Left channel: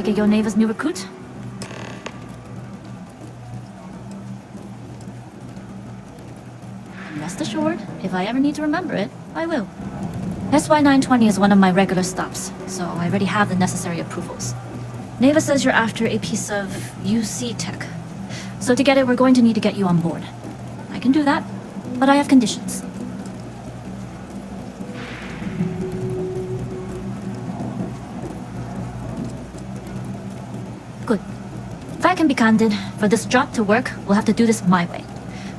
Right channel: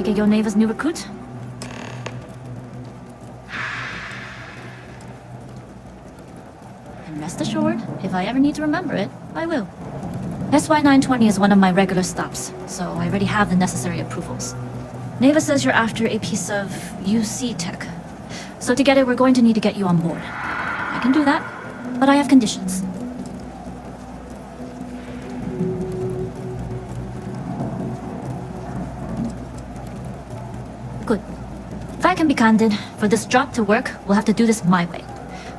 take it you're Neva's new recruit? And rest assured, if I ever need to remember it, I will. SY920 is one of my regular stops, so I already have the necessary approvals. Neva says you're after a piece of UC tech. So to get it, we're going to need to get you on board. I can do that, but I have conditions. Good. If I can be candid, for this job to work, we'll have to do this my way.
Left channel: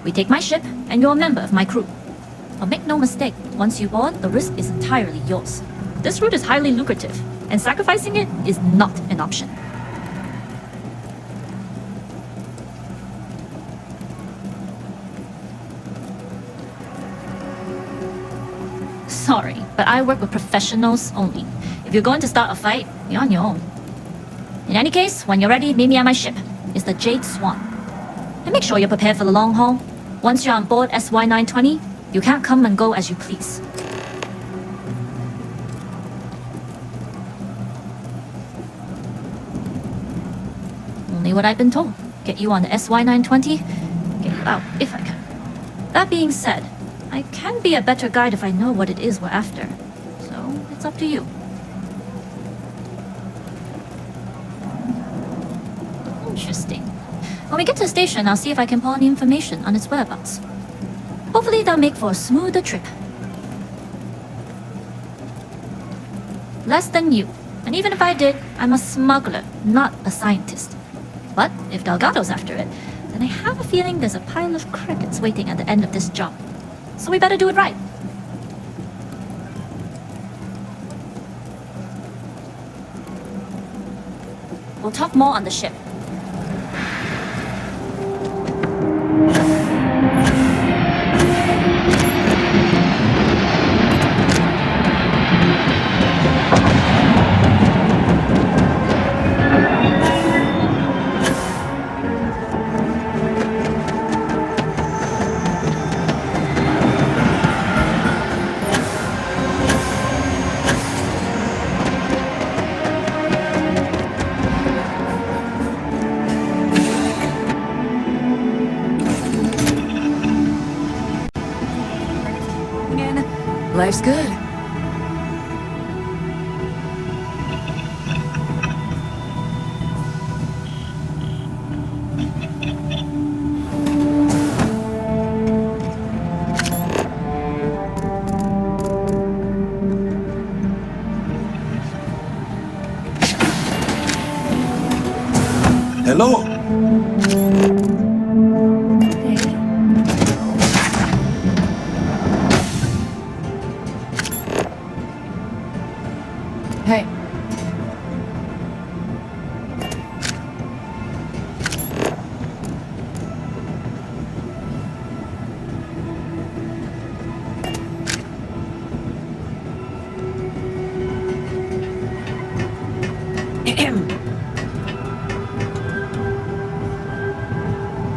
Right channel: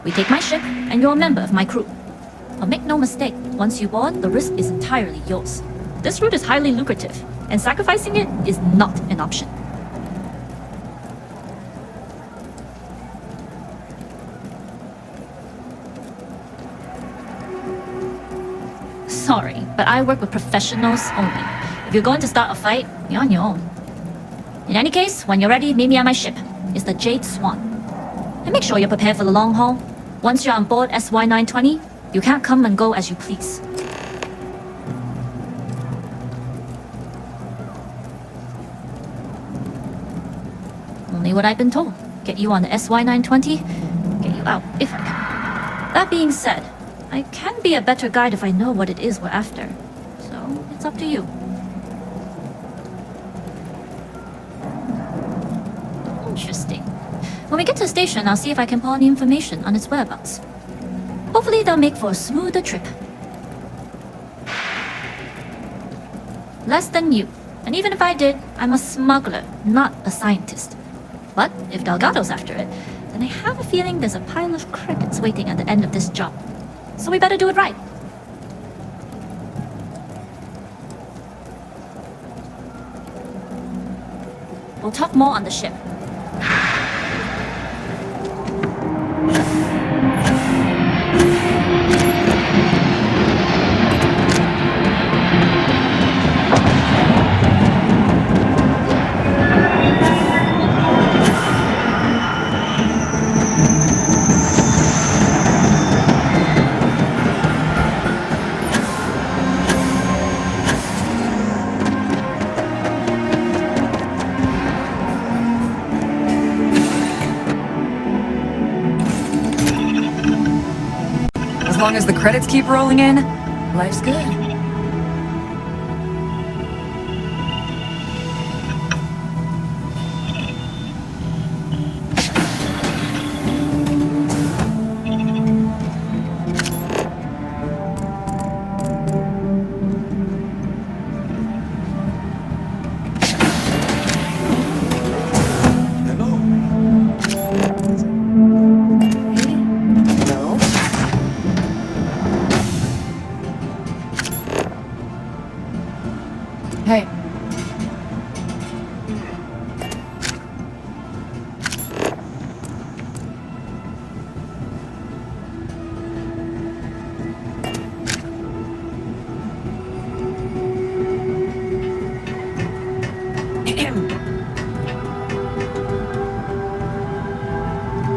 We take my ship, and you're a member of my crew. But make no mistake, once you board, the risk is entirely yours. This route is highly lucrative, and sacrificing it is not an option. Sorry, but I work with professionals only. If you're going to start a fight, you're on your own. In any case, when you're ready, meet me on my ship. It's the Jade Swan. And make sure you're prepared for the long haul. Once you're on board SY920, you can't come and go as you please. Only what I've been told. Get you on the SY920, get you out if I can. That being said, I can be a better guide if I know what it is we're after. So, it's up to you. Interesting. When we get to the station, I'll see if I can pull any information on its whereabouts. Hopefully that'll make for a smoother trip. Less than you. And even if I did, I'm a smuggler, not a scientist. But if Delgado's after it, then I have a feeling there's a pile of credits waiting at the end of this job. So we better do it right. We'll talk more on the ship. As long as the credits keep rolling in, life's good. Hello. Hey.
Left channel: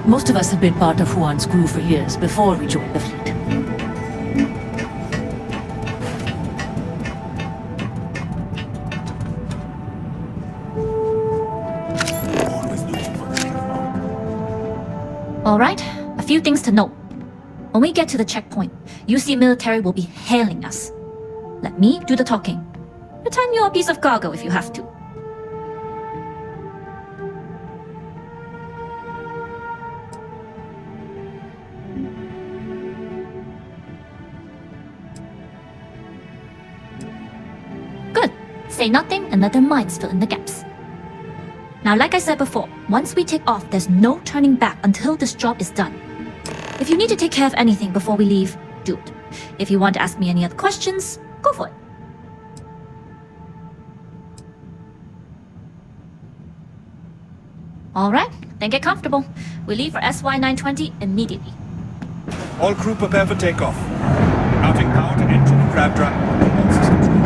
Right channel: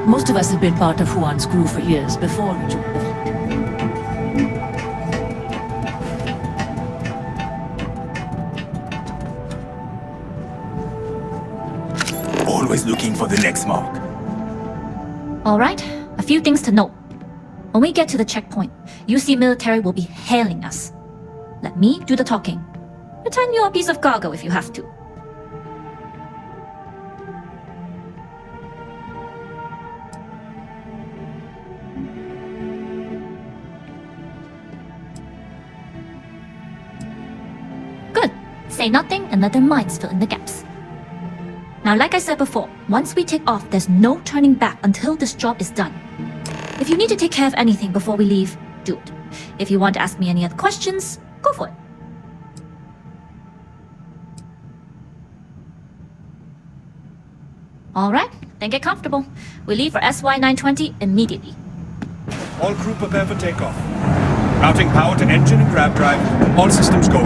Most of us have been part of Huan's crew for years before we joined the fleet. Always looking for the next mark. Alright, a few things to note. When we get to the checkpoint, UC military will be hailing us. Let me do the talking. Pretend you're a piece of cargo if you have to. Good. Say nothing and let their minds fill in the gaps. Now, like I said before, once we take off, there's no turning back until this job is done. If you need to take care of anything before we leave, do it. If you want to ask me any other questions, go for it. Alright, then get comfortable. We leave for SY920 immediately. All crew prepare for takeoff. Routing power to engine and grab drive. All systems go.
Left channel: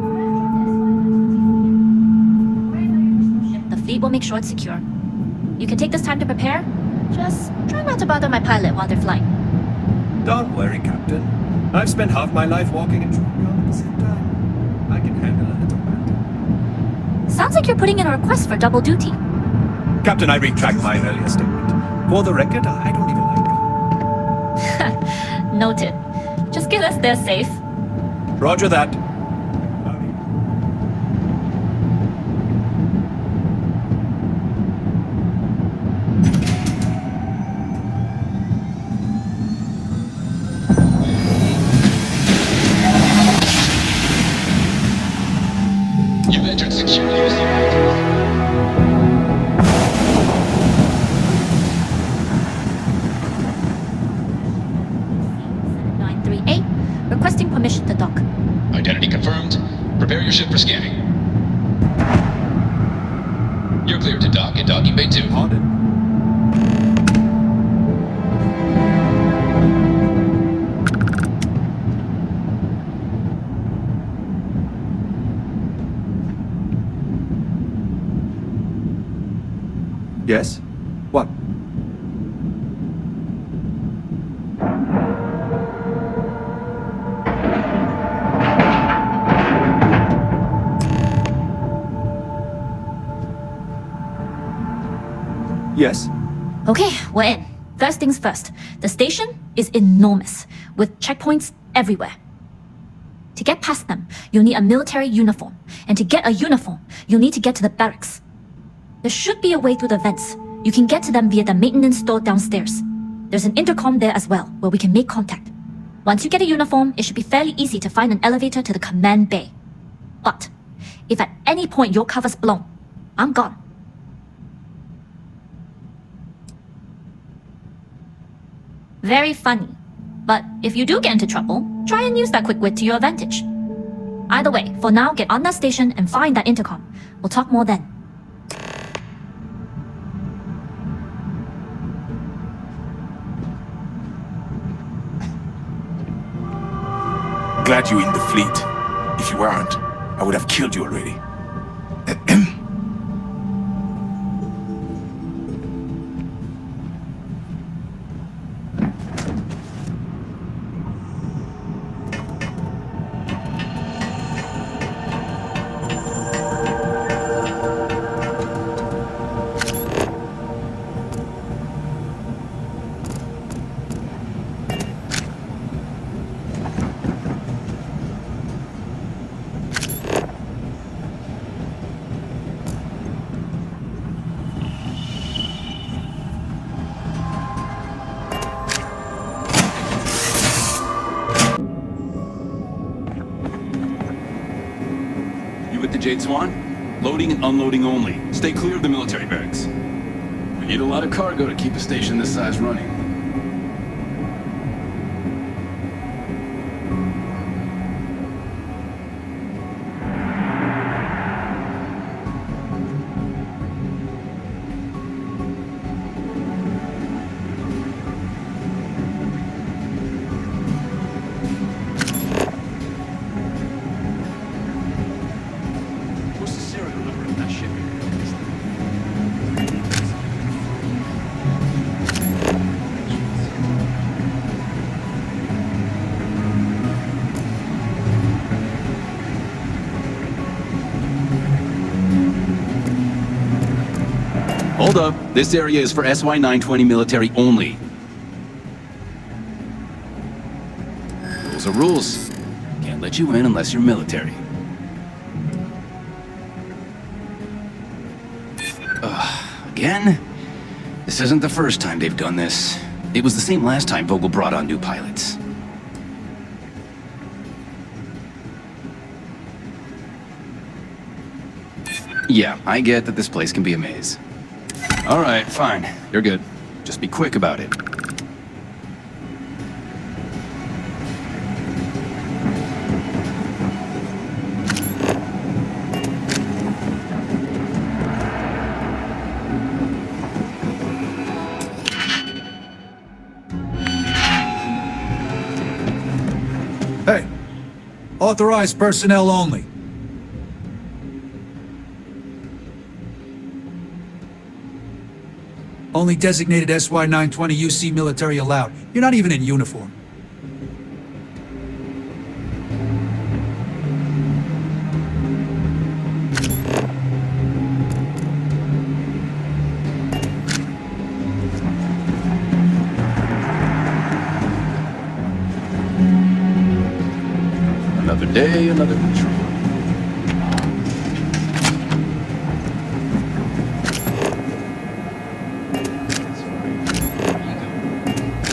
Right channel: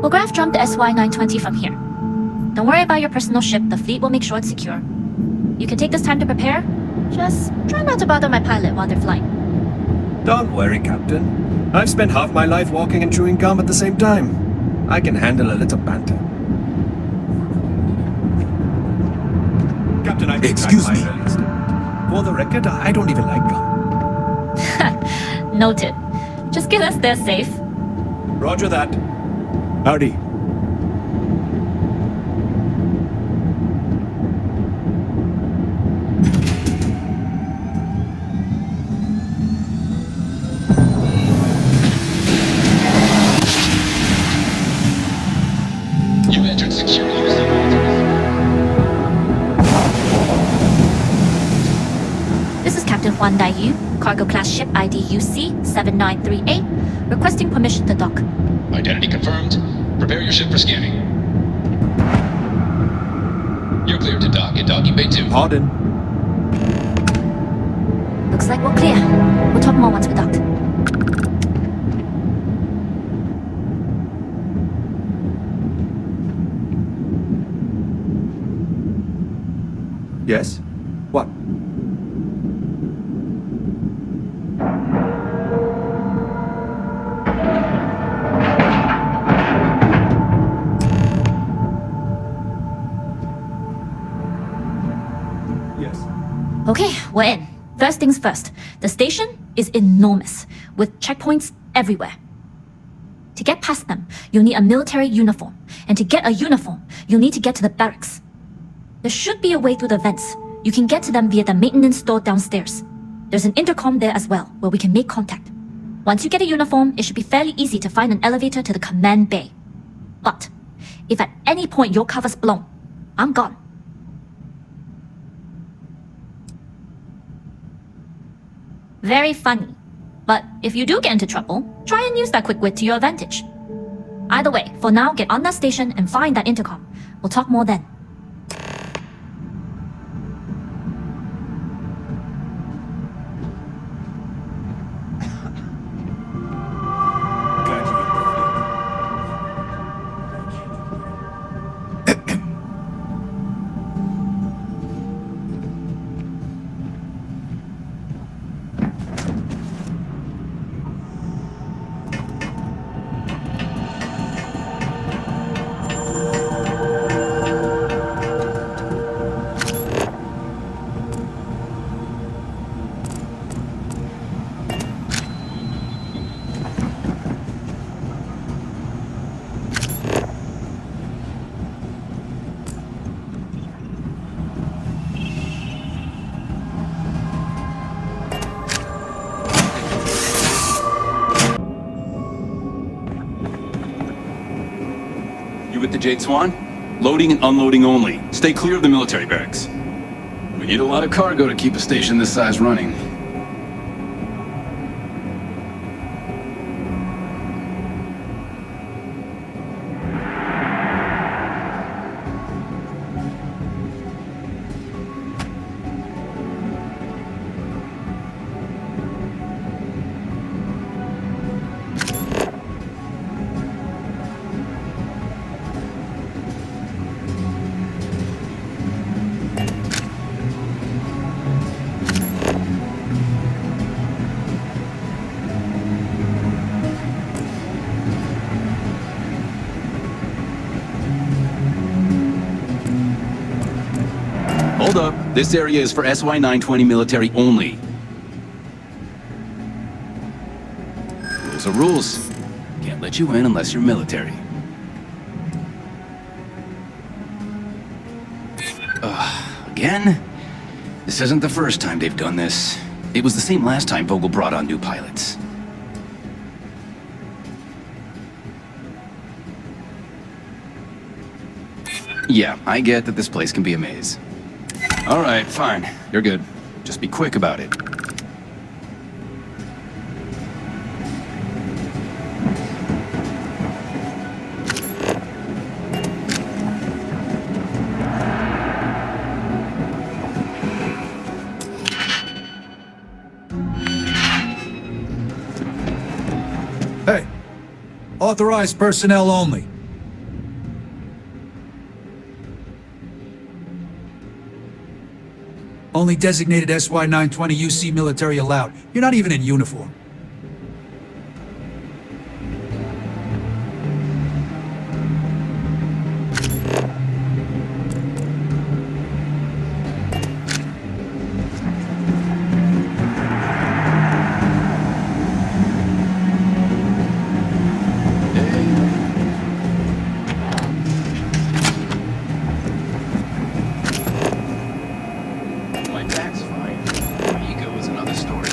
We'll graph jump the SY920 from here. Don't worry about your personal ship, the fleet will make sure it's secure. You can take this time to prepare, Just try not to bother my pilot while they're flying. Don't worry, Captain. I've spent half my life walking and chewing gum at the same time. I can handle a little banter. Sounds like you're putting in a request for double duty. Captain, I retract Excuse my me. earlier statement. For the record, I don't even like gum. Noted. Just get us there safe. Roger that. Howdy. You've entered secure use. This is Captain Juan Yu, cargo class ship ID UC-7938, requesting permission to dock. Identity confirmed. Prepare your ship for scanning. You're cleared to dock at docking bay 2. Pardon. Looks like we're clear. We'll talk more once we're docked. Yes? What? Yes? Okay, we're in. First things first. The station is enormous, with checkpoints everywhere. To get past them, you'll need a military uniform. And to get a uniform, you'll need to get to the barracks. There should be a way through the vents. You can get to them via the maintenance store downstairs. There's an intercom there as well, where we can make contact. Once you get a uniform, it should be fairly easy to find an elevator to the command bay. But, if at any point your cover's blown, I'm gone. Very funny. But if you do get into trouble, try and use that quick wit to your advantage. Either way, for now, get on that station and find that intercom. We'll talk more then. Glad you're in the fleet. If you weren't, I would have killed you already. You with the Jade Swan? Loading and unloading only. Stay clear of the military barracks. We need a lot of cargo to keep a station this size running. Hold up. This area is for SY-920 military only. Rules are rules. Can't let you in unless you're military. Again? This isn't the first time they've done this. It was the same last time Vogel brought on new pilots. Yeah, I get that this place can be a maze. All right, fine. You're good. Just be quick about it. Hey, authorized personnel only. Only designated SY-920 UC military allowed. You're not even in uniform. Another day, another mission. My back's fine. Ego is another story.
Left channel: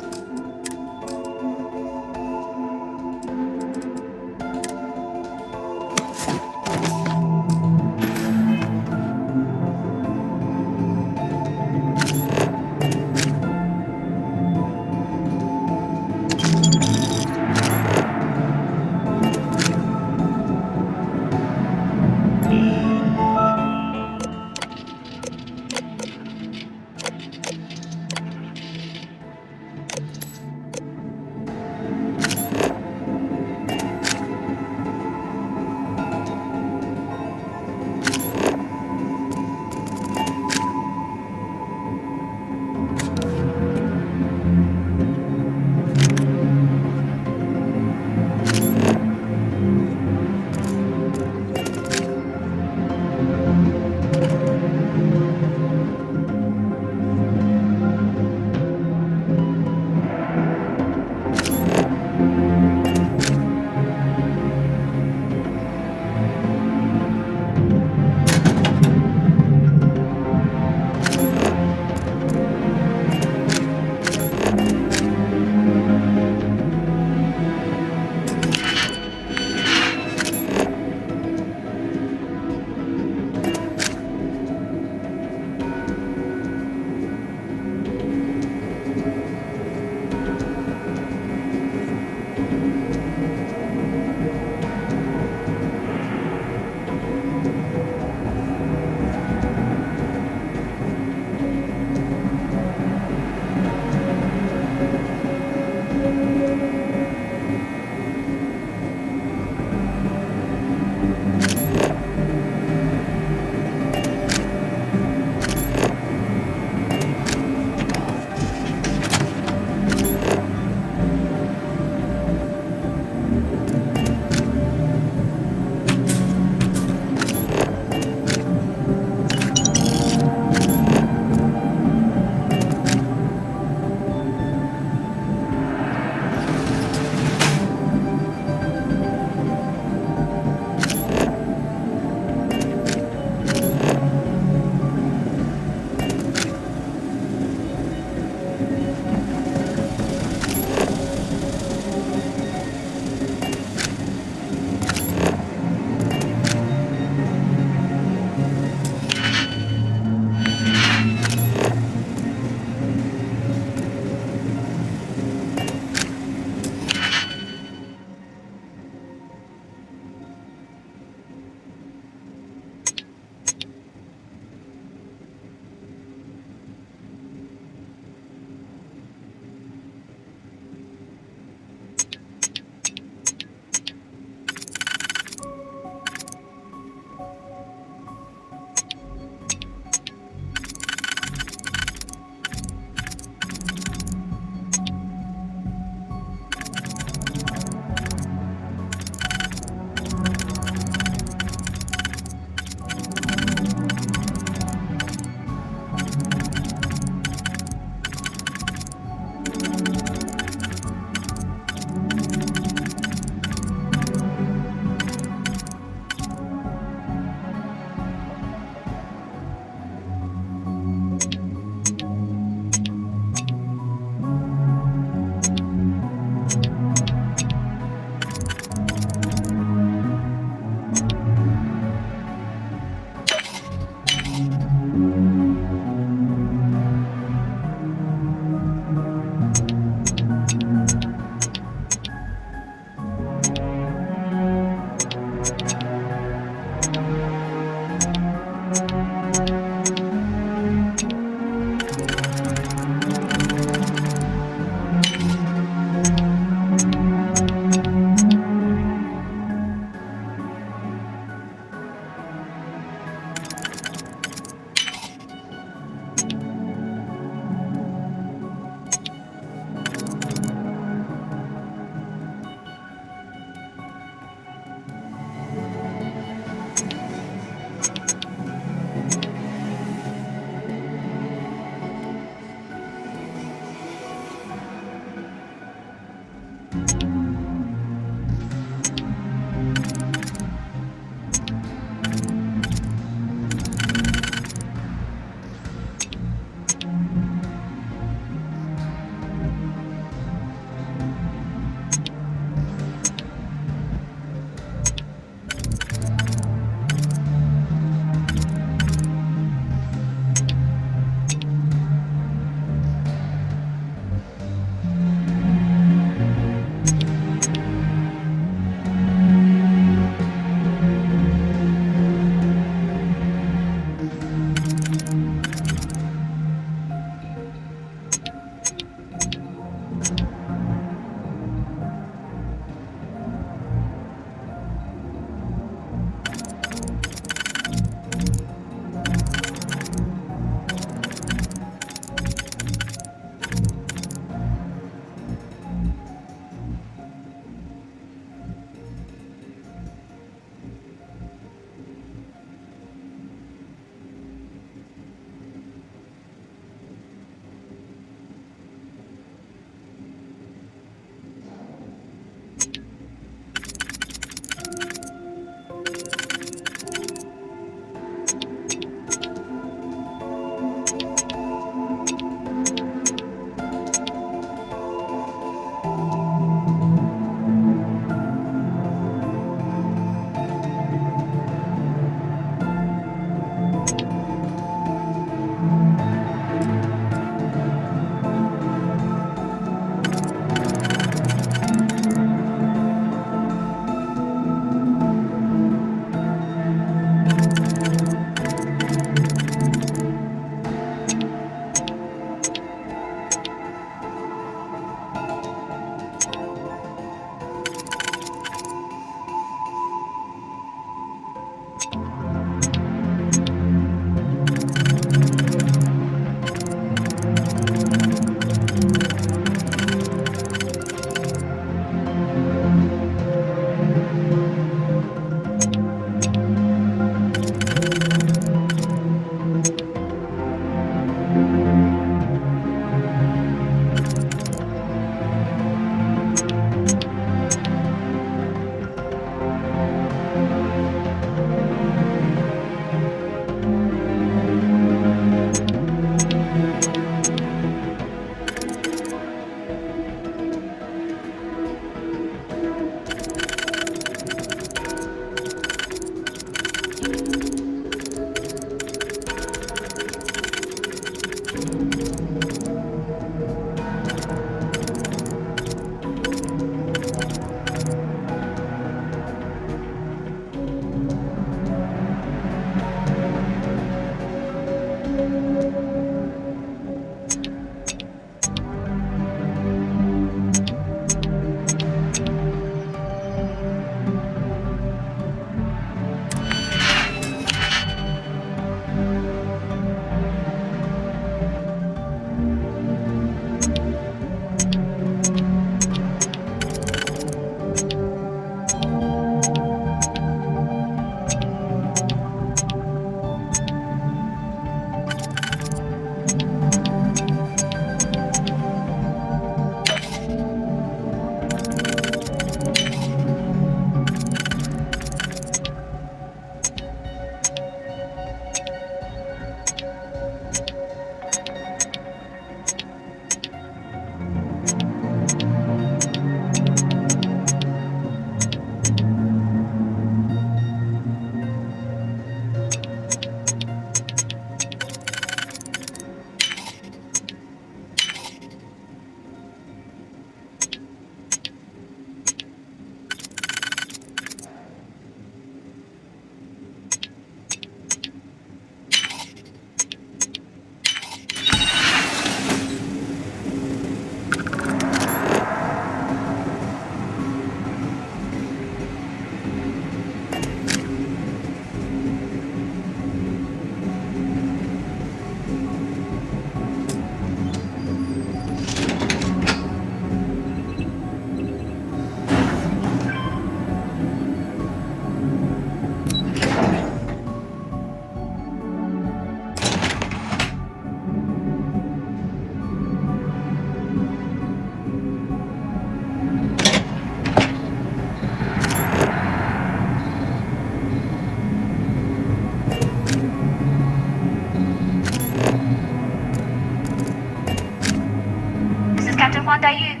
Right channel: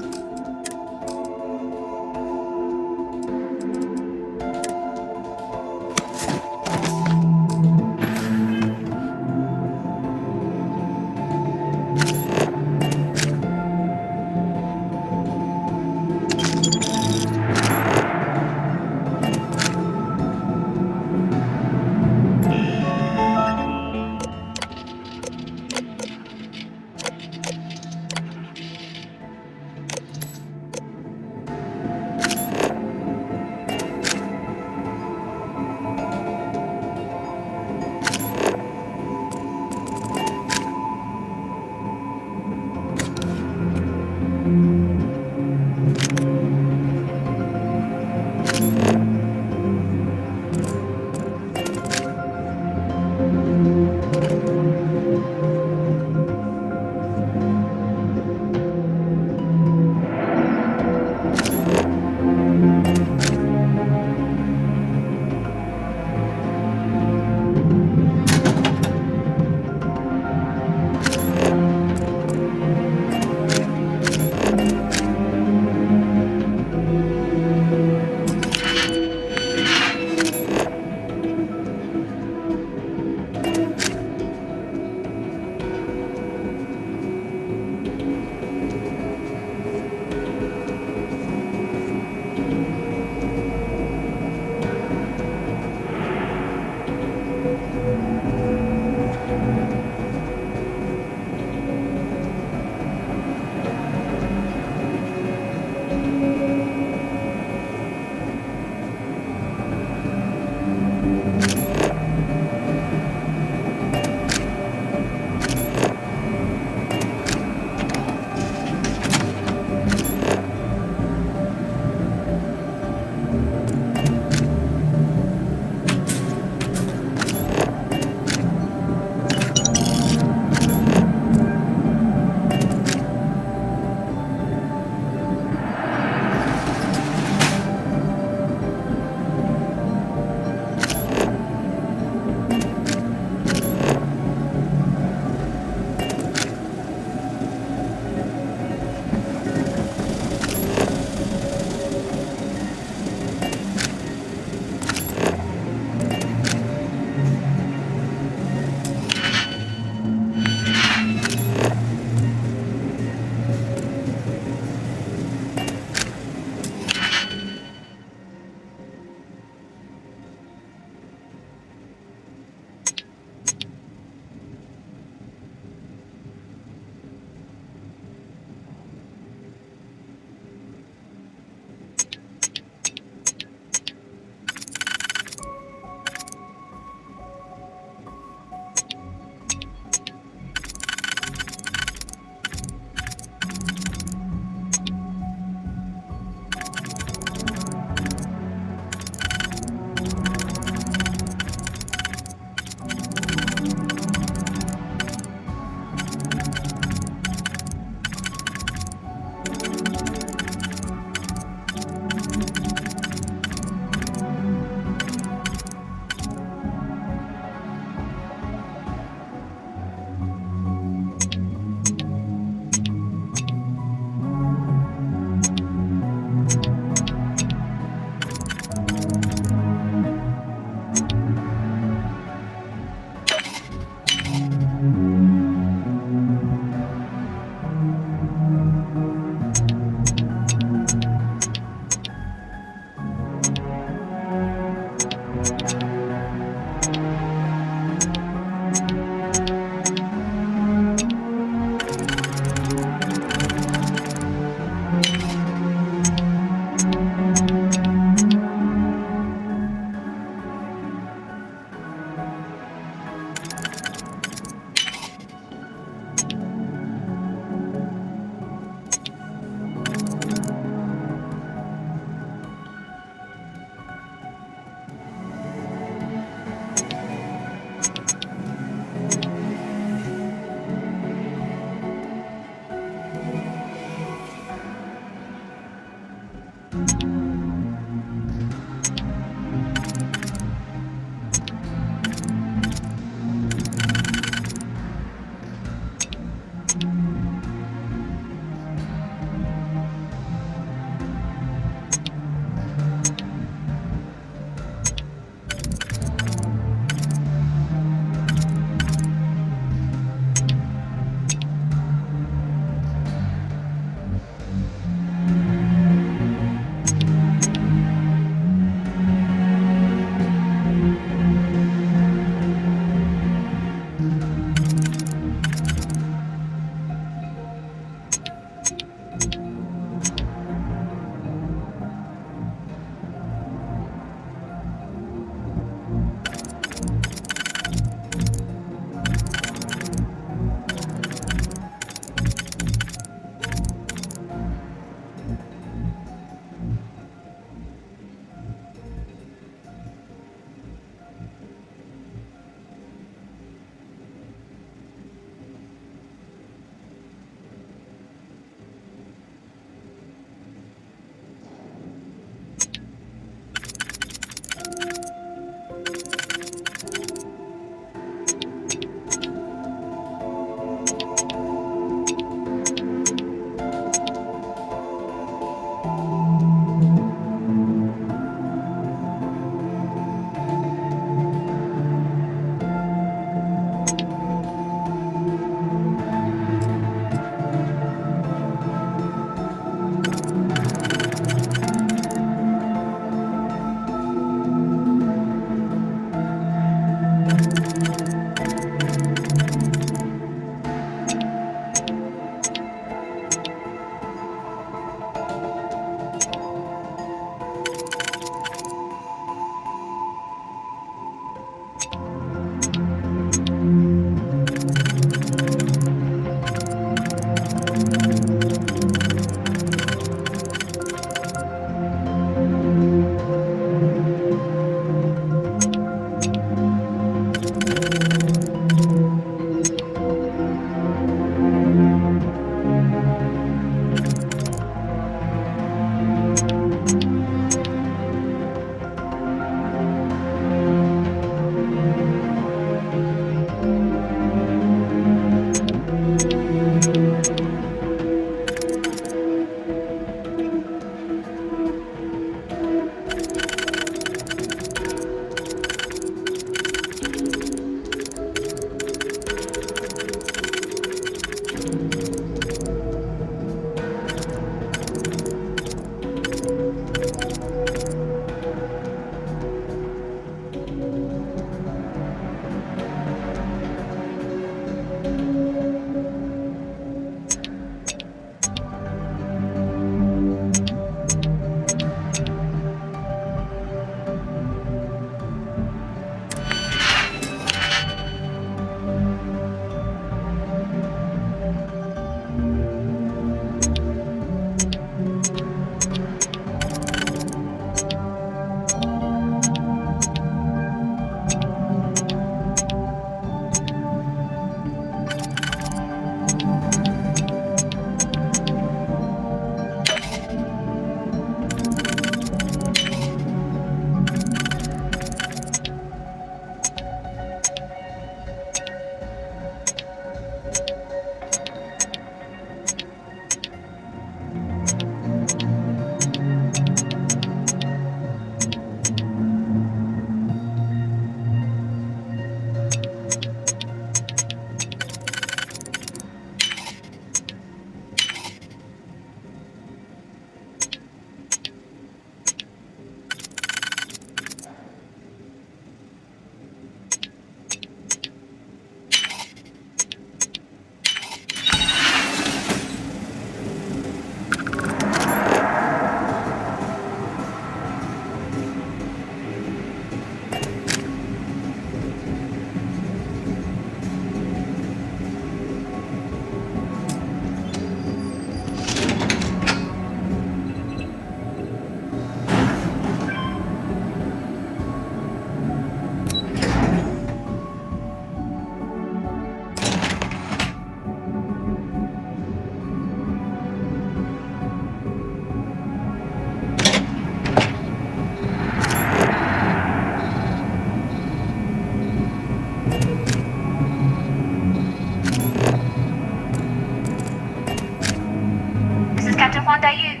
Captain Huang Daiyu.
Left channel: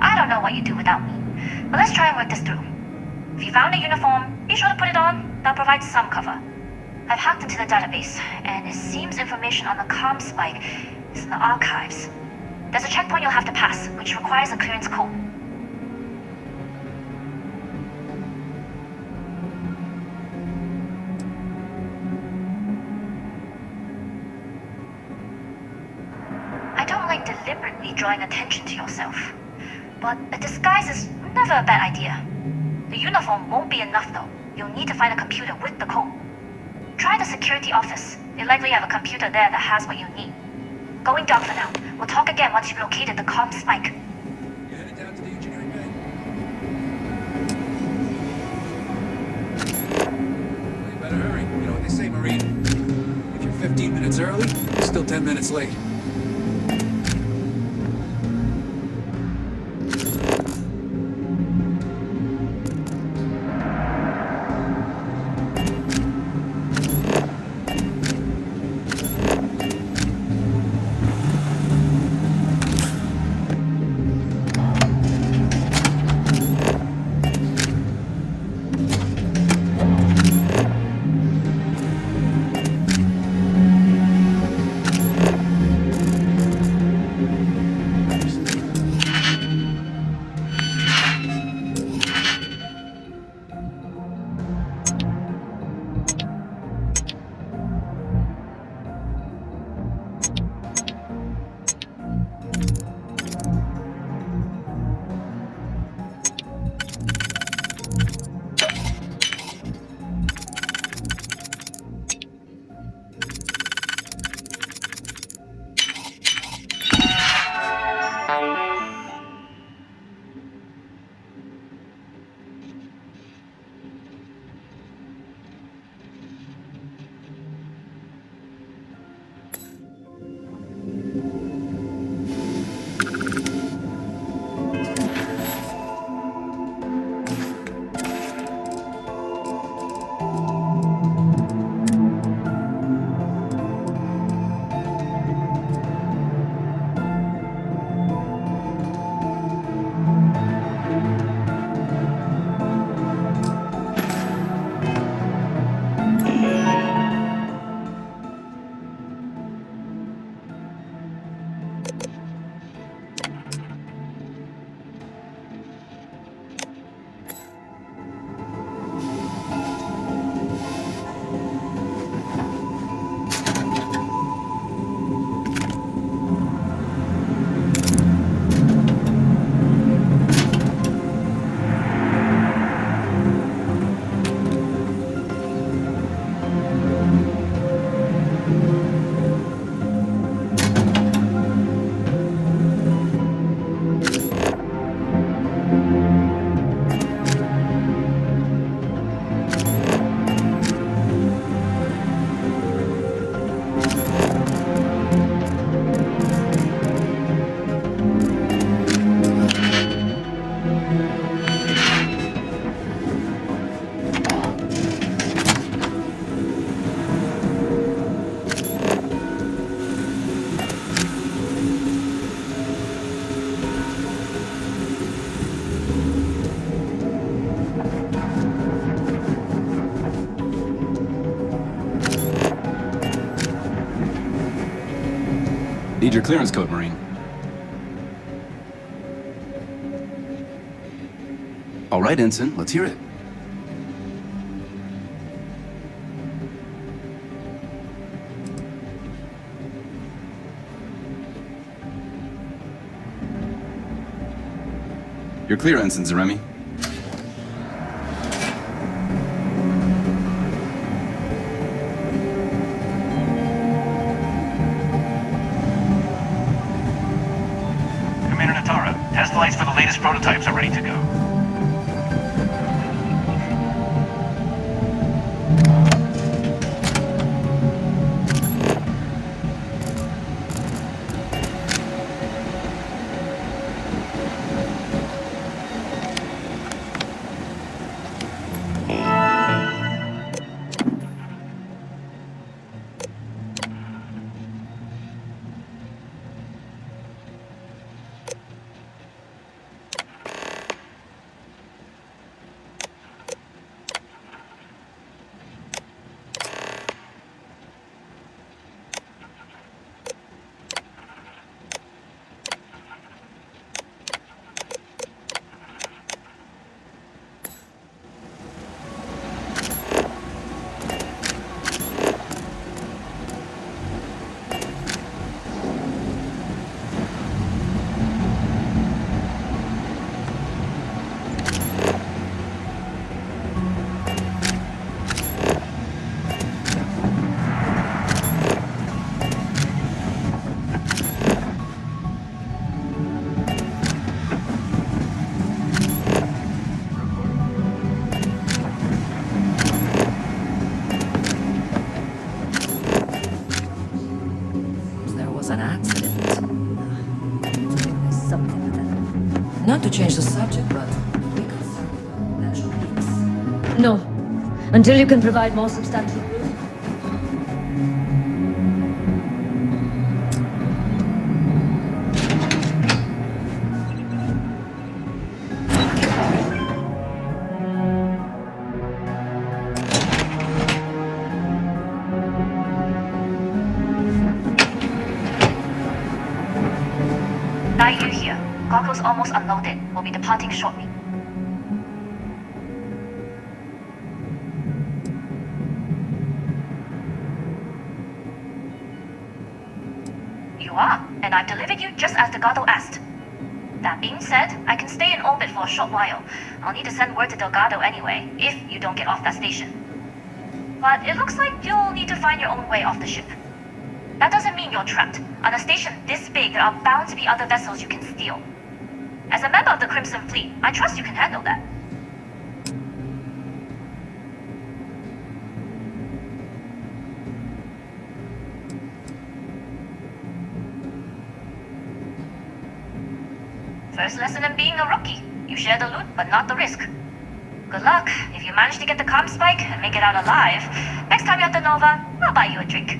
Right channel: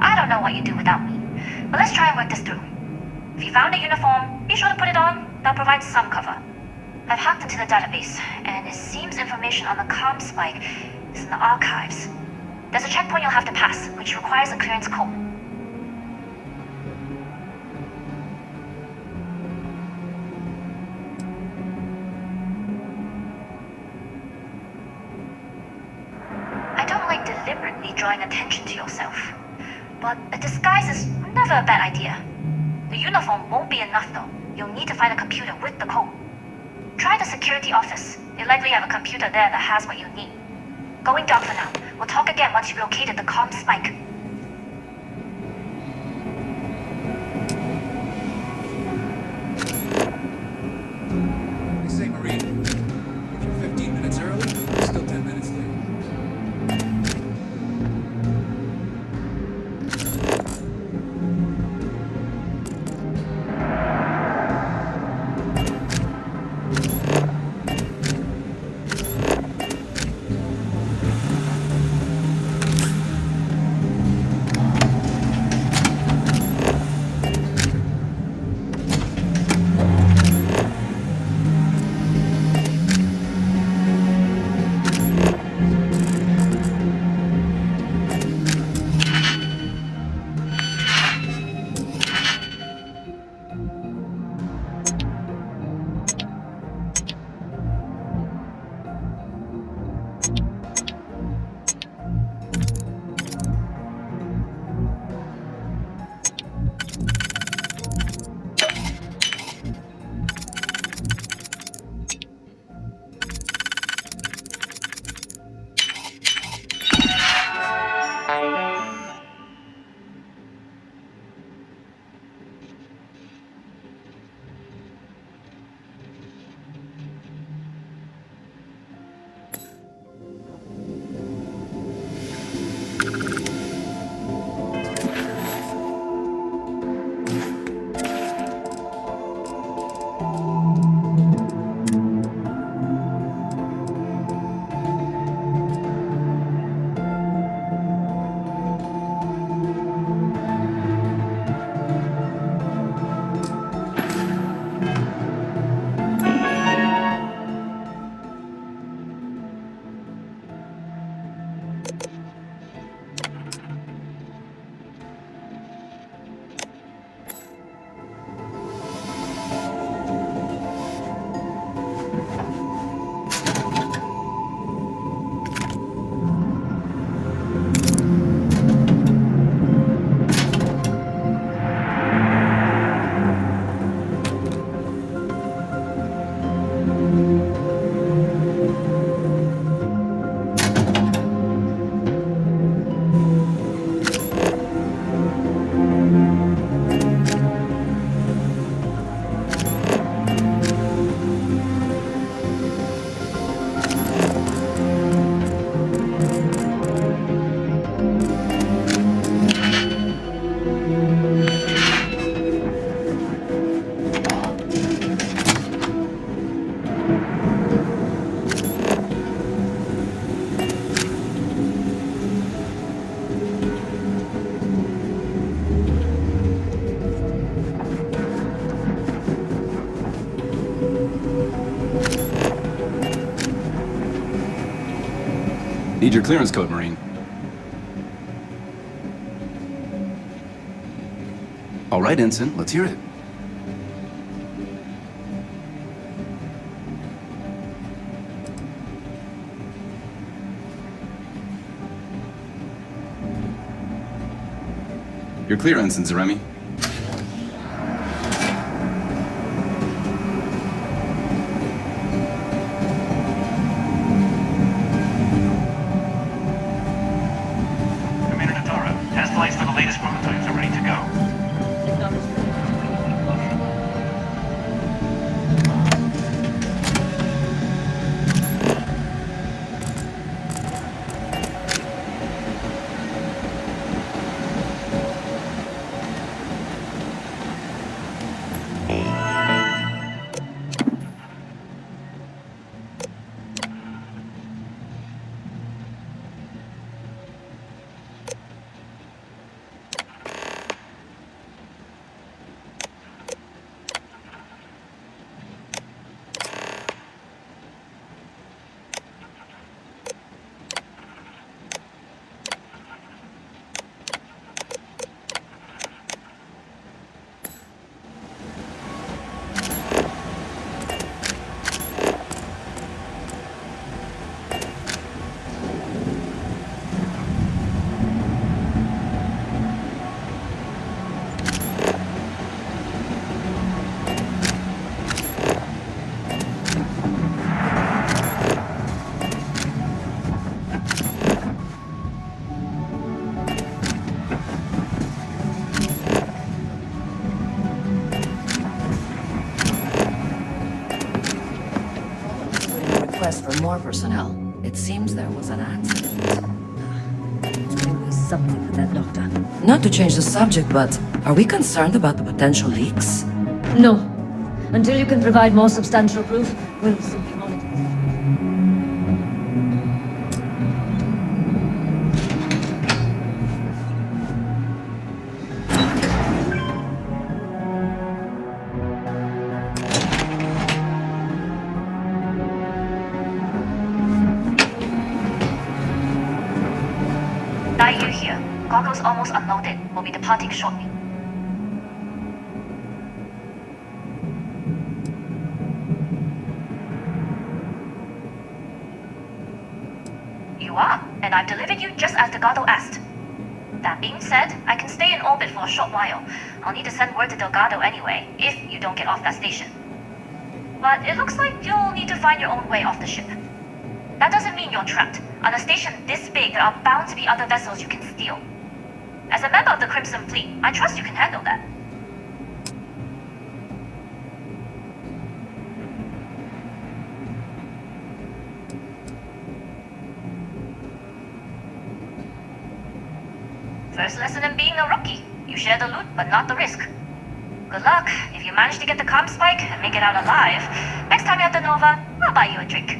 I don't know what you do without me, but let's try and work this through. If you found a uniform, be sure to put it on. That'll provide some cover. I've hacked into the database, and it seems information on the comm spike is in the archives. There's a checkpoint you'll have to pass, which requires a clearance code. I don't like deliberately drawing attention to yourself, but a disguise is never a bad idea. The uniform won't be enough though. You'll need to find a computer with the code. Try the security office. They likely have a computer there that has what you need. Going down for now. We'll talk again once you've located the comm spike. Better hurry. You know what they say, Marine? If you're 15 minutes early, you're still 10 minutes late. Need your clearance code, Marine. All right, Ensign, let's hear it. You're clear, Ensign Zaremi. Commander Natara, test flights for the latest prototypes are ready to go. more personnel. It seems there was an accident. Always something with that doctor. Not to change the subject, but are we concerned about the potential leaks? No. Until you can provide more substantial proof, we'll Daiyu here. Goggles almost unloaded. We'll be departing shortly. You are, and I've delivered you just as Delgado asked. That being said, I can stay in orbit for a short while. I'll need to send word to Delgado anyway, if you don't get off that station. But it looks like you'll need to find your own way off the ship. That doesn't mean you're trapped. On a station this big, there are bound to be other vessels you can steal. As a member of the Crimson Fleet, I trust you can handle that. First lesson in being a rookie. You share the loot, but not the risk. Good luck. If you manage to get the comm spike and make it out alive, next time you're at the Nova, I'll buy you a drink.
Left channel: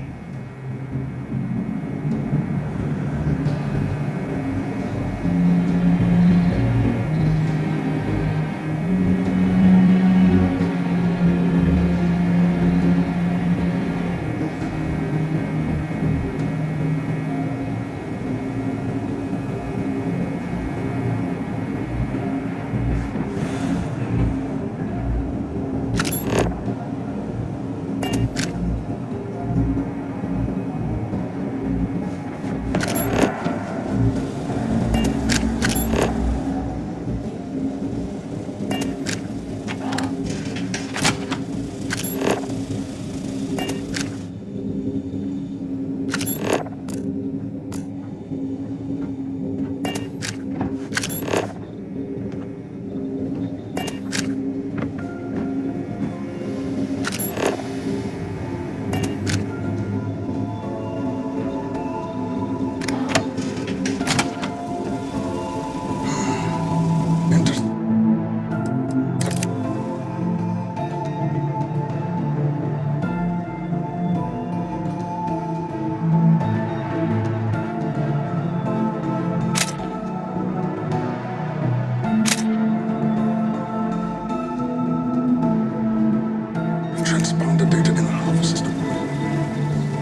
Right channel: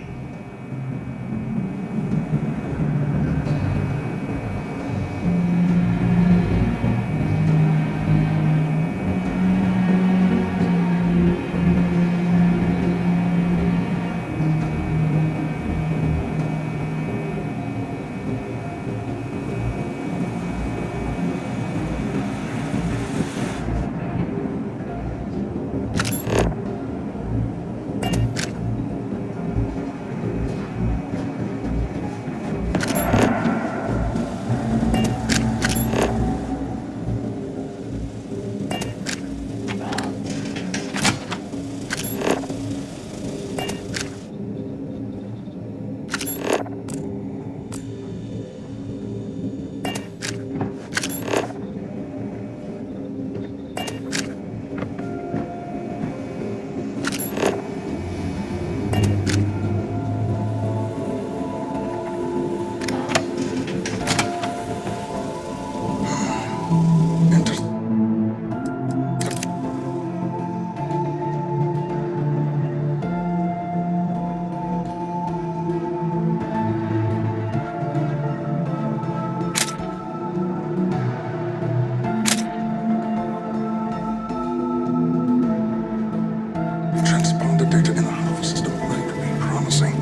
Transponder data in the Alpha system might be promising.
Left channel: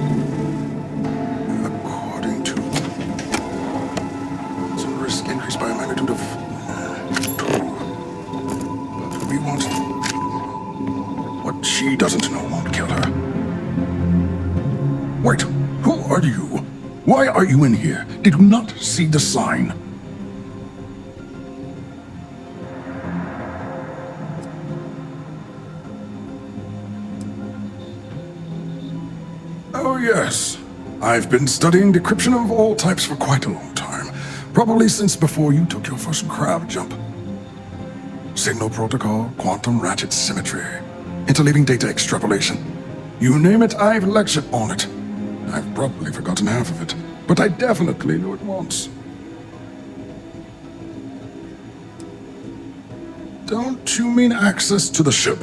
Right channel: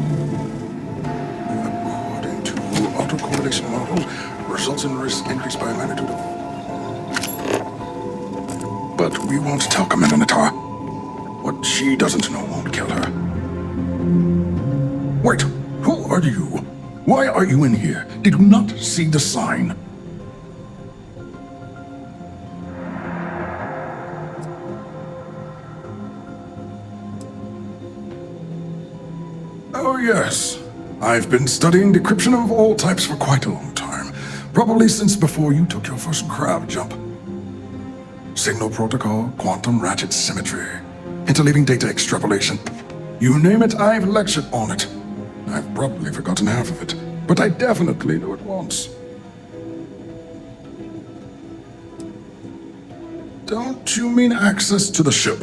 According to autocorrelation models, results in risk increased by a magnitude of 2. But we won't tell Commander Natar. What she doesn't know won't kill her. Wait, who are you? Why are you in here? Did you not see the sign? Oh, yes. I've been studying decryption of all types for quite a long time. Probably since before you took your first crab jump. Signal protocol, quantum ratchet symmetry, interleaving data extrapolation. You name it, I've lectured on it. I've probably forgotten half of it, but I definitely knew it once. Don't you mean access to the ship?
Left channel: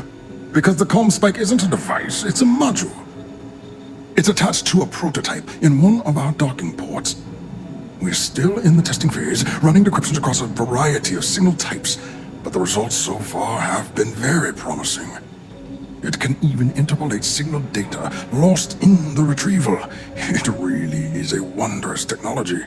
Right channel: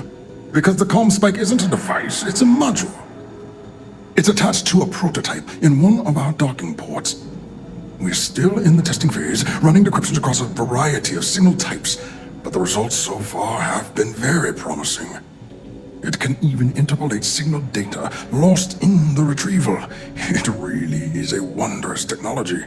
Because the comm spike isn't a device, it's a module. It's attached to a prototype in one of our docking ports. We're still in the testing phase, running decryptions across a variety of signal types, but the results so far have been very promising. It can even interpolate signal data lost in the retrieval. It really is a wondrous technology.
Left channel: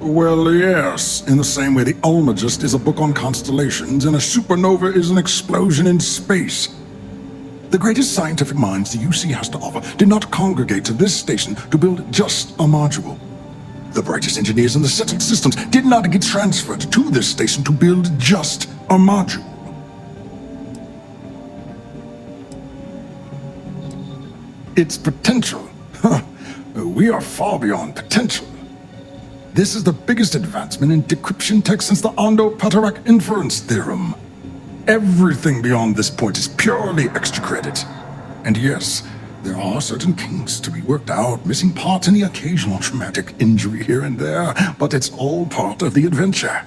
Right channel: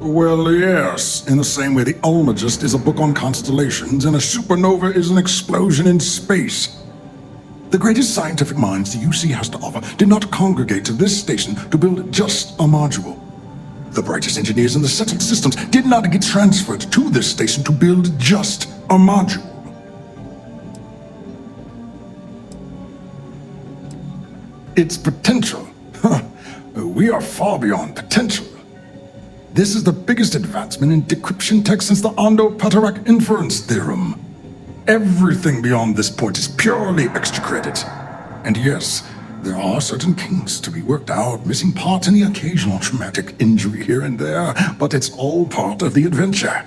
Well, yes. In the same way the Almagist is a book on constellations and a supernova is an explosion in space. The greatest scientific minds the UC has to offer did not congregate to this station to build just a module. The brightest engineers in the settled systems did not get transferred to this station to build just a module. Its potential. We are far beyond potential. This is the biggest advancement in decryption tech since the Ondo-Patarak inference theorem. Everything beyond this point is purely extra credit. And yes, there are certain kinks to be worked out, missing parts and the occasional traumatic injury here and there, but it's all part of the adventure.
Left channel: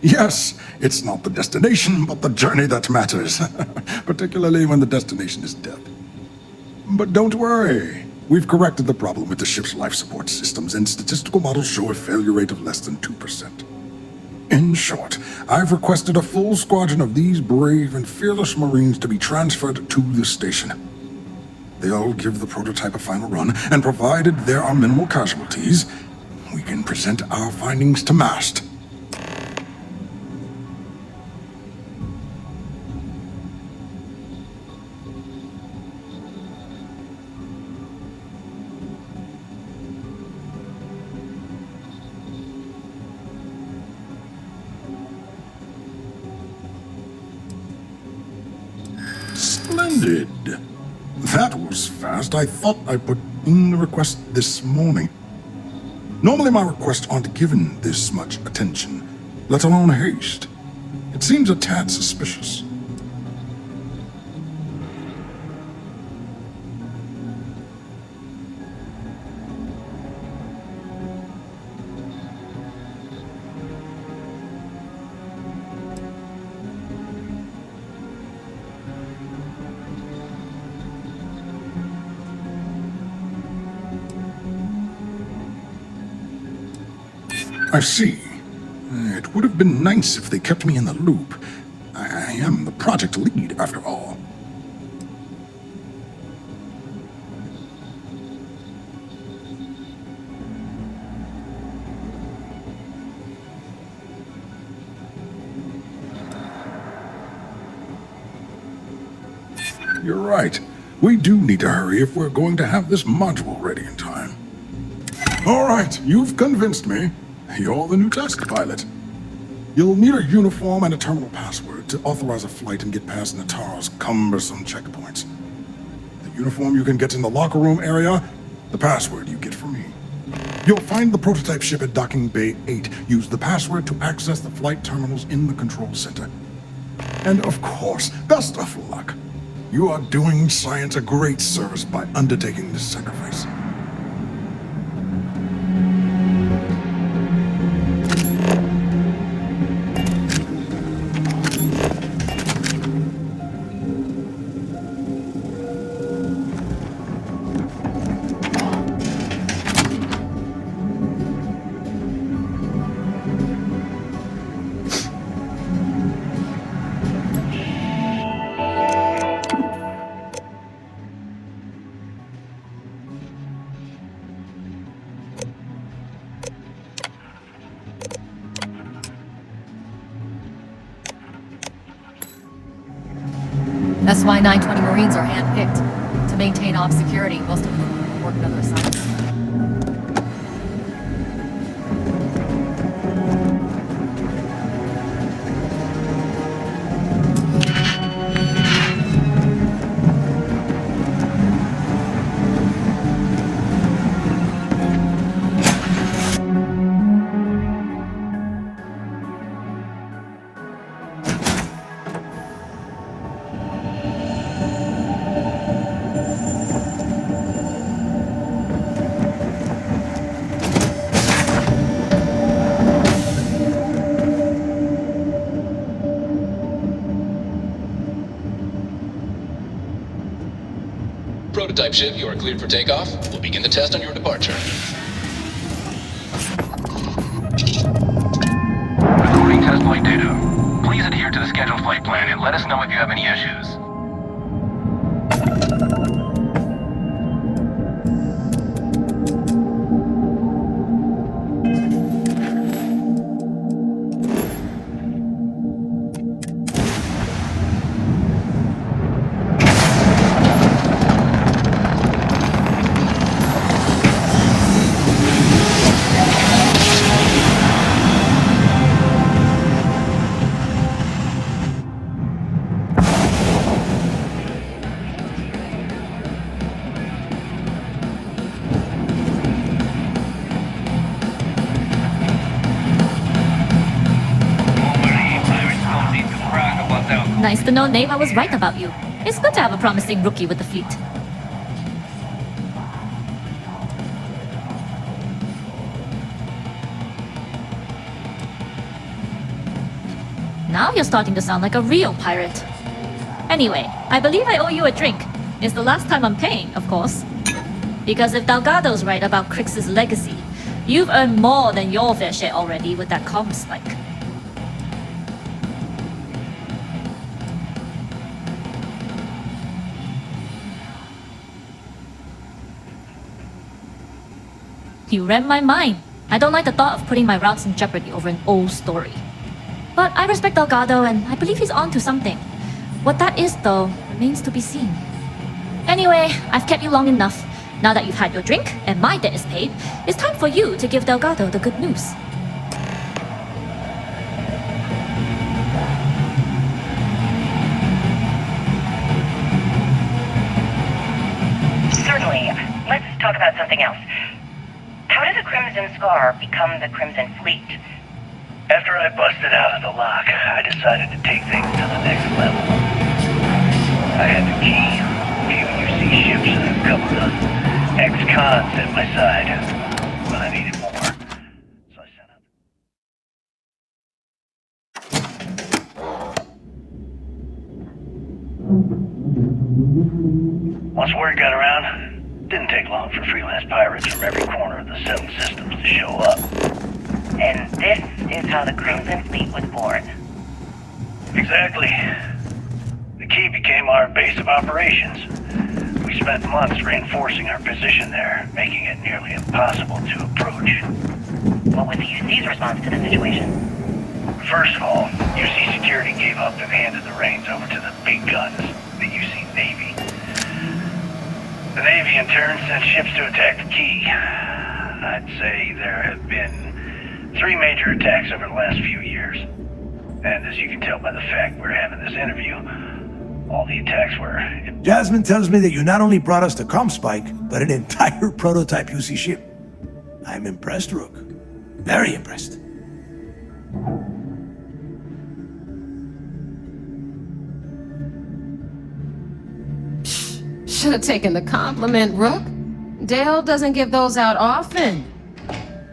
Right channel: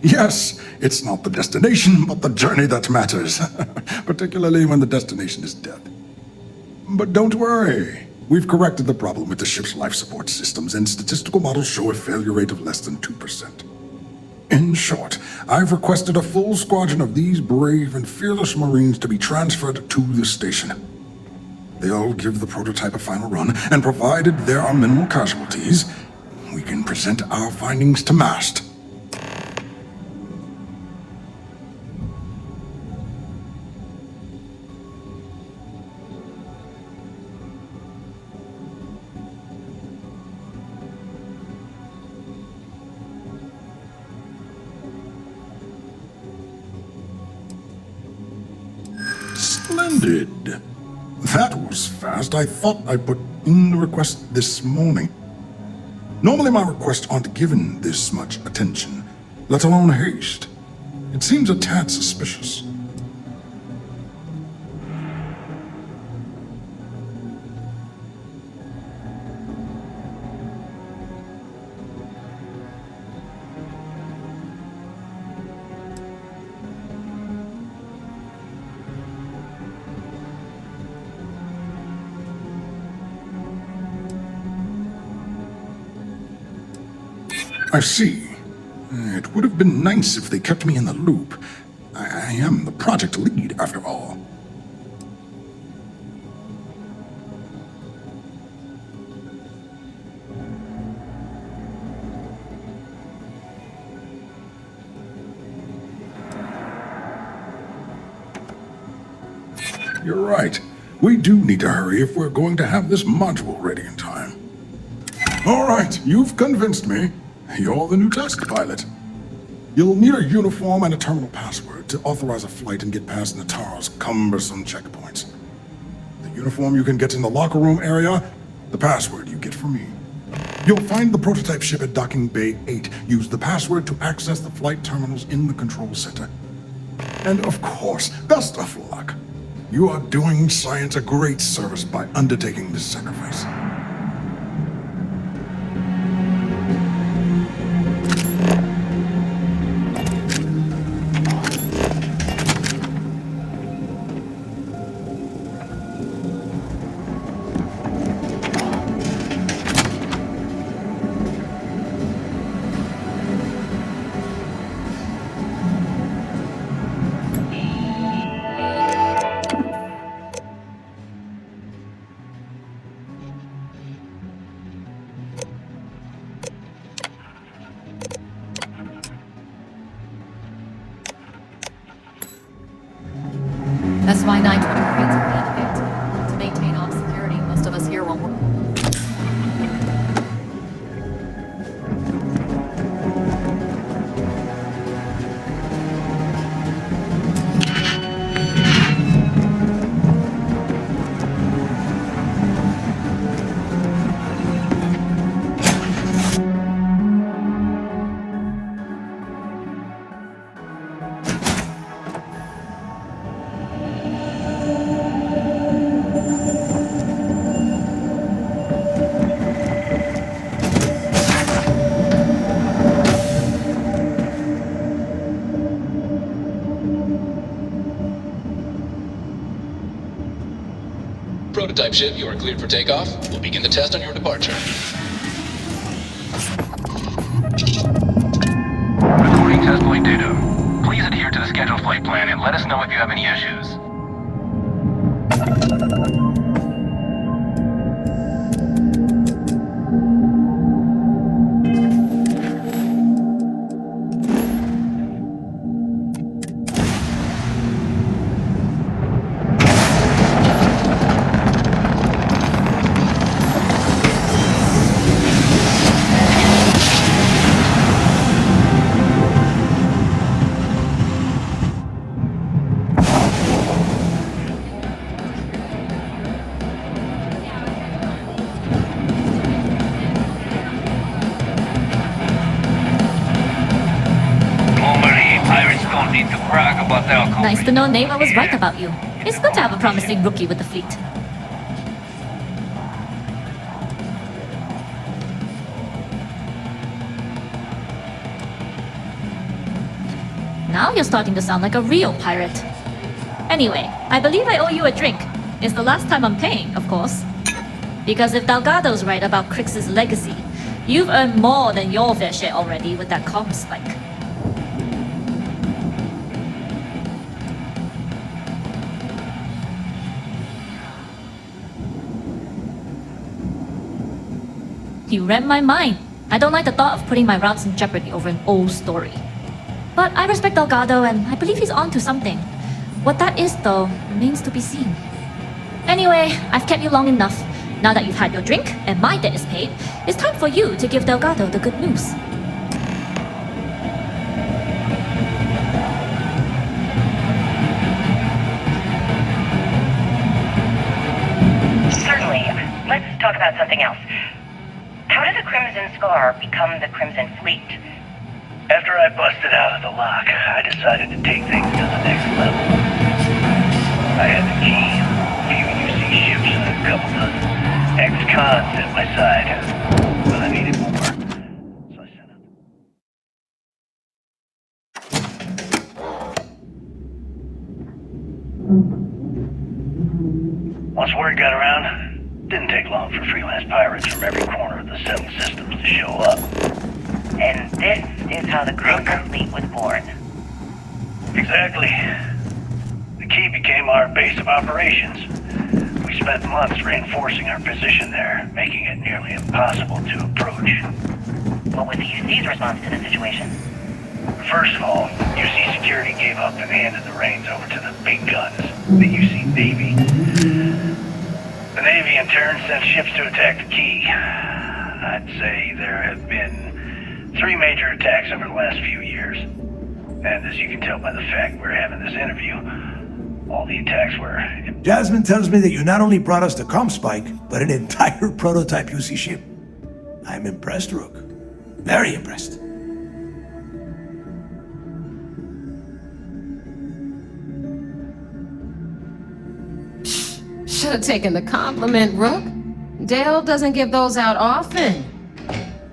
Yes, it's not the destination, but the journey that matters, particularly when the destination is death. But don't worry. We've corrected the problem with the ship's life support systems, and statistical models show a failure rate of less than 2%. In short, I've requested a full squadron of these brave and fearless Marines to be transferred to the station. They'll give the prototype a final run, and provided there are minimal casualties, we can present our findings to MAST. Splendid. That was fast. I thought I put in the request this morning. Normally my requests aren't given this much attention, let alone haste. It seems a tad suspicious. I see. It would have been nice if they kept me in the loop. I am the project lead, after all. You're right. We do need to hurry if we're going to have this module ready in time. All right, you've convinced me. You're the new test pilot. You'll need a uniform and a terminal password to authorize a flight and get past Nataro's cumbersome checkpoints. The uniform you can get in the locker room area, the password you get from me. You'll find the prototype ship at Docking Bay 8. Use the password to access the flight terminals in the control center. And of course, best of luck. You are doing science a great service by undertaking this sacrifice. That's why 920 Marines are handpicked. To maintain op security, most of us here won't work on this. Prototype ship, you are cleared for takeoff. We'll begin the test on your departure. Recording test flight data. Please adhere to the scheduled flight plan and let us know if you have any issues. Nice to know Neva was right about you. It's good to have a promising rookie with the fleet. Now you're starting to sound like a real pirate. Anyway, I believe I owe you a drink. It's the last time I'm paying, of course. Because if Delgado's right about Crix's legacy, you've earned more than your fair share already with that comm spike. You read my mind. I don't like the thought of putting my routes in jeopardy over an old story. But I respect Delgado and I believe he's on to something. What that is, though, remains to be seen. Anyway, I've kept you long enough. Now that you've had your drink and my debt is paid, it's time for you to give Delgado the good news. Certainly. Let's talk about something else. How did the Crimson Scar become the Crimson Fleet? After I busted out of the lock, I decided to take things to the next level. I had the key. Few UC ships and a couple dozen ex-cons at my side. But I needed more. So I set up. Once word got around, didn't take long for freelance pirates from every corner of the settled systems to show up. And this is how the Crimson Fleet was born. Exactly. The key became our base of operations. We spent months reinforcing our position there, making it nearly impossible to approach. What was UC's response to the situation? First of all, UC Security gave up and handed the reins over to the big guns, the UC Navy. The Navy in turn sent ships to attack the key. I'd say there have been 3 major attacks over the last few years. And as you can tell by the fact we're having this interview, all the attacks were... Jasmine tells me that you not only brought us the comm spike, but an entire prototype UC ship. I'm impressed, Rook. Very impressed. Should have taken the compliment, Rook. Dale doesn't give those out often.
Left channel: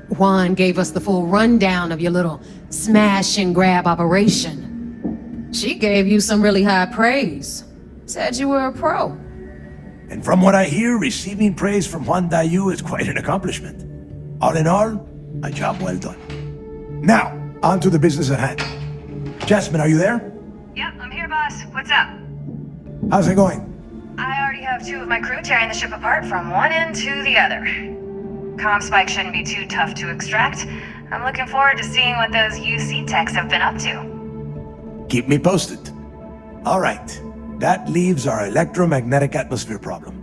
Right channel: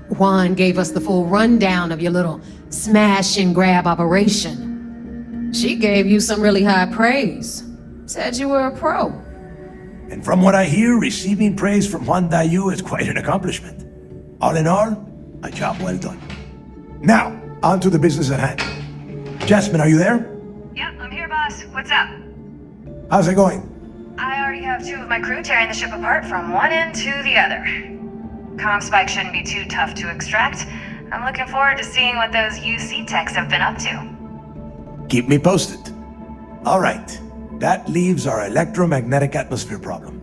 Juan gave us the full rundown of your little smash and grab operation. She gave you some really high praise. Said you were a pro. And from what I hear, receiving praise from Juan Dayu is quite an accomplishment. All in all, a job well done. Now, on to the business at hand. Jasmine, are you there? Yeah, I'm here, boss. What's up? How's it going? I already have 2 of my crew tearing the ship apart from one end to the other. Comm spike shouldn't be too tough to extract. I'm looking forward to seeing what those UC techs have been up to. Keep me posted. All right, that leaves our electromagnetic atmosphere problem.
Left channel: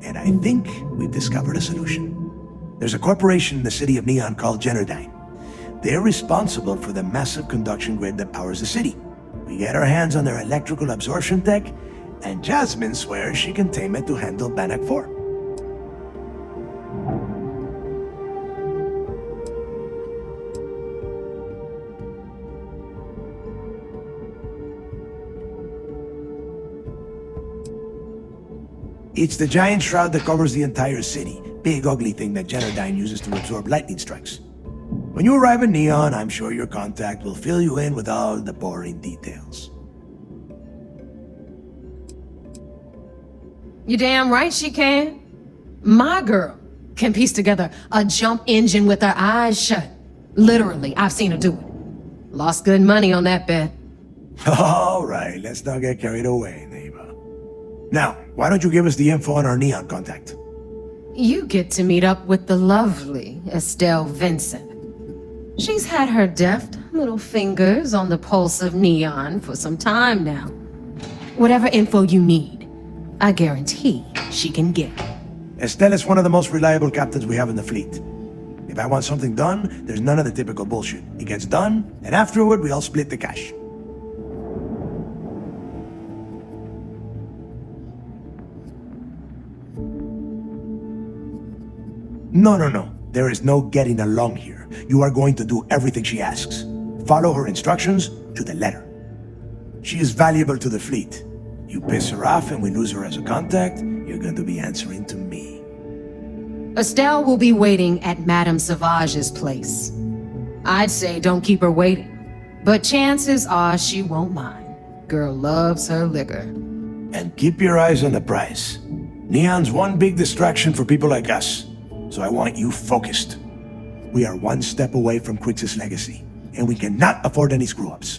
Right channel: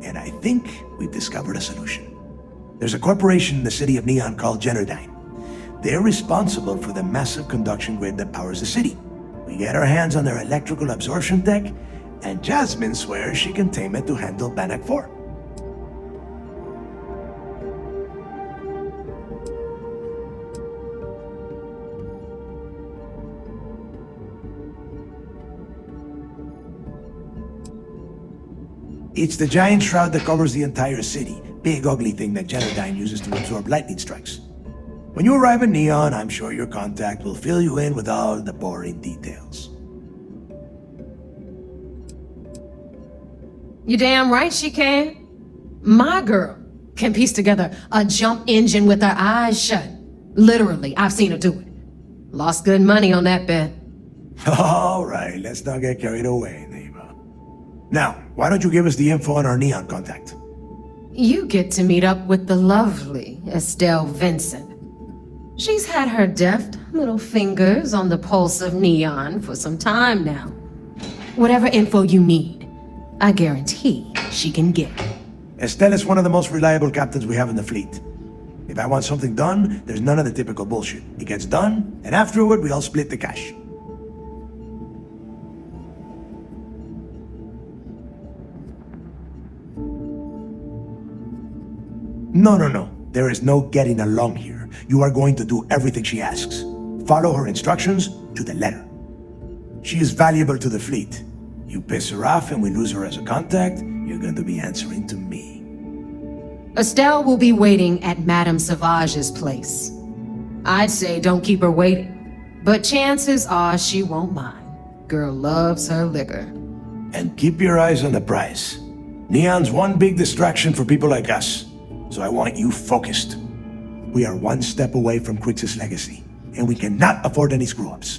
And I think we've discovered a solution. There's a corporation in the city of Neon called Generdyne. They're responsible for the massive conduction grid that powers the city. We get our hands on their electrical absorption tech, and Jasmine swears she can tame it to handle Bannock 4. It's the giant shroud that covers the entire city. Big ugly thing that Generdyne uses to absorb lightning strikes. When you arrive in Neon, I'm sure your contact will fill you in with all the boring details. You damn right she can. My girl can piece together a jump engine with her eyes shut. Literally, I've seen her do it. Lost good money on that bet. All right, let's not get carried away, Neva. Now, why don't you give us the info on our Neon contact? You get to meet up with the lovely Estelle Vincent. She's had her deft little fingers on the pulse of Neon for some time now. Whatever info you need, I guarantee she can get. Estelle is one of the most reliable captains we have in the fleet. If I want something done, there's none of the typical bullshit. It gets done, and afterward we all split the cash. No. There is no getting along here. You are going to do everything she asks. Follow her instructions to the letter. She is valuable to the fleet. You piss her off and we lose her as a contact, you're going to be answering to me. Estelle will be waiting at Madame Savage's place. I'd say don't keep her waiting, but chances are she won't mind. Girl loves her liquor. And keep your eyes on the prize. Neon's one big distraction for people like us, so I want you focused. We are one step away from Crix's legacy, and we cannot afford any screw-ups.